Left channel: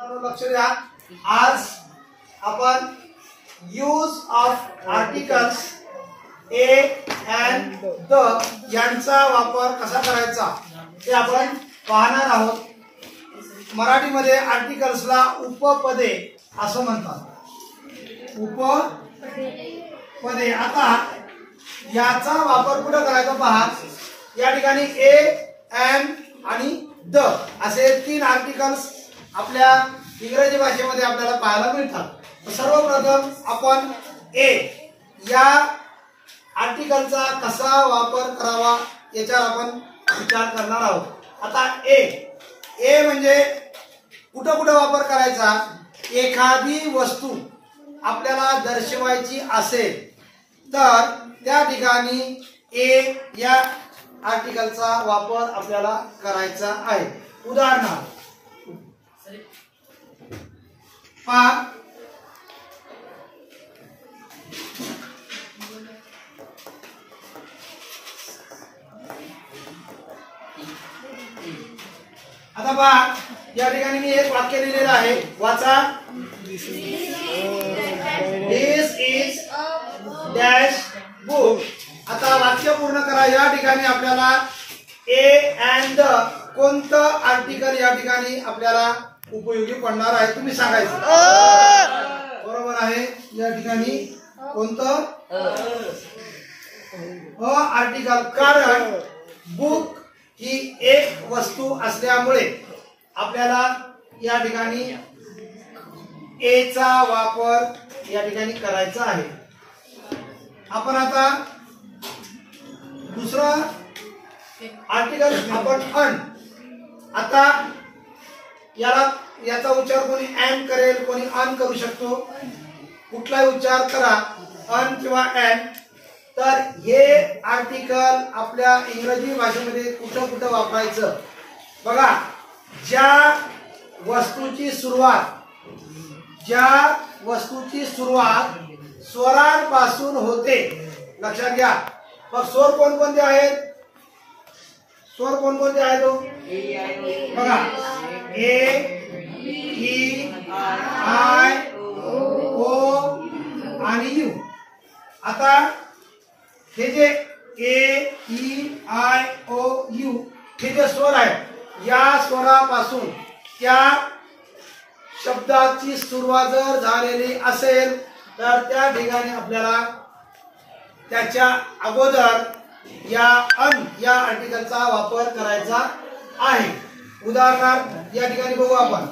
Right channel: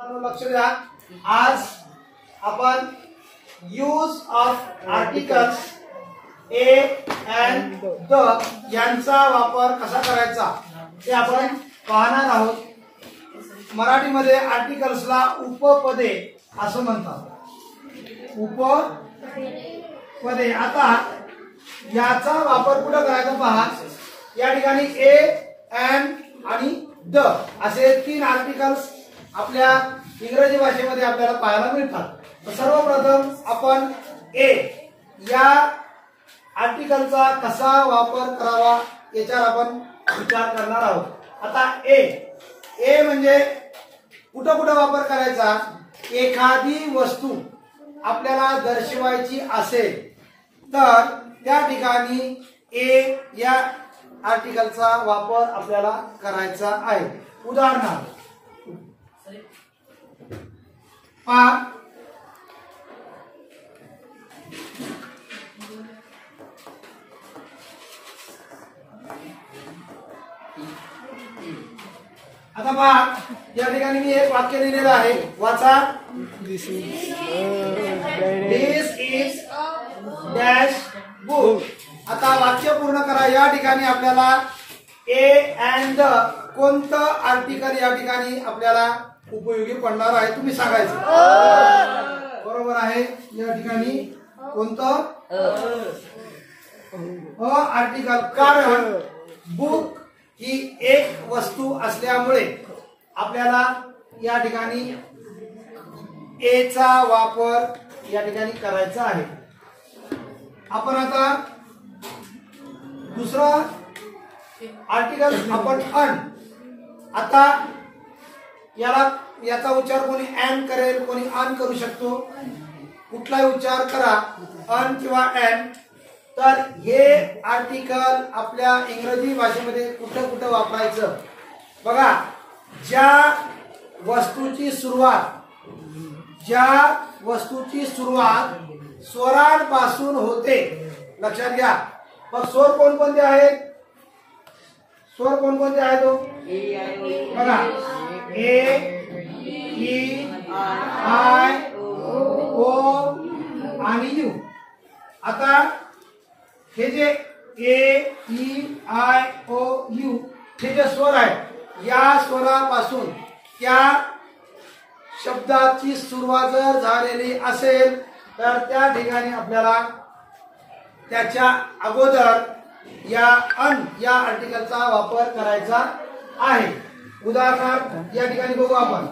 लक्ष द्या, आज आपण use of articles A and the यांचा वापर कसा करायचा ते आपण पाहणार आहोत. मराठीमध्ये आर्टिकल्सला उपपदे असं म्हणतात. उपपदे. आता याचा वापर कुठं करायचा पहा. या ठिकाणी ए अँड आणि द असे तीन आर्टिकल्स आपल्या इंग्रजी भाषेमध्ये आपल्याला पाहायला मिळतात. सर्वप्रथम आपण ए या आर्टिकलचा कसा वापर करावा याच्यावर आपण विचार करणार आहोत. आता ए म्हणजे कुठं कुठं वापर करायचा. एखादी वस्तू आपल्याला दर्शवायची असेल तर त्या ठिकाणी ए या आर्टिकलचा वापर आपल्याला करायचा आहे. उदाहरणार्थ पहा, आता पहा या ठिकाणी मी एक वाक्य लिहिलेलं आहे. वाचा. दिस इज डॅश बुक. आता वाक्य पूर्ण करा. या ठिकाणी आपल्याला ए अँड द कोणतं आर्टिकल या ठिकाणी आपल्याला उपयोगी पडणार आहे तुम्ही सांगायचं. बरोबर आहे. या ठिकाणी कोणतं आर्टिकल. कारण बुक ही एक वस्तू असल्यामुळे आपल्याला या ठिकाणी ए चा वापर या ठिकाणी करायचा आहे. आपण आता दुसरा आर्टिकल आपण अन. आता याचा उच्चार कोणी एन करेल, कोणी अन करू शकतो. कुठलाही उच्चार करा, अन किंवा एन. तर हे आर्टिकल आपल्या इंग्रजी भाषेमध्ये कुठं कुठं वापरायचं बघा. ज्या वस्तूची सुरुवात स्वरांपासून होते. लक्षात घ्या. मग स्वर कोणकोणते आहेत. स्वर कोणकोणते आहेत बघा. ए ई आय ओ आणि यू. आता हे जे ए ई आय ओ यू हे जे स्वर आहेत या स्वरापासून त्या शब्दाची सुरुवात जर झालेली असेल तर त्या ठिकाणी आपल्याला त्याच्या अगोदर या अन या आर्टिकलचा वापर करायचा आहे. उदाहरणार्थ या ठिकाणी बघू आपण.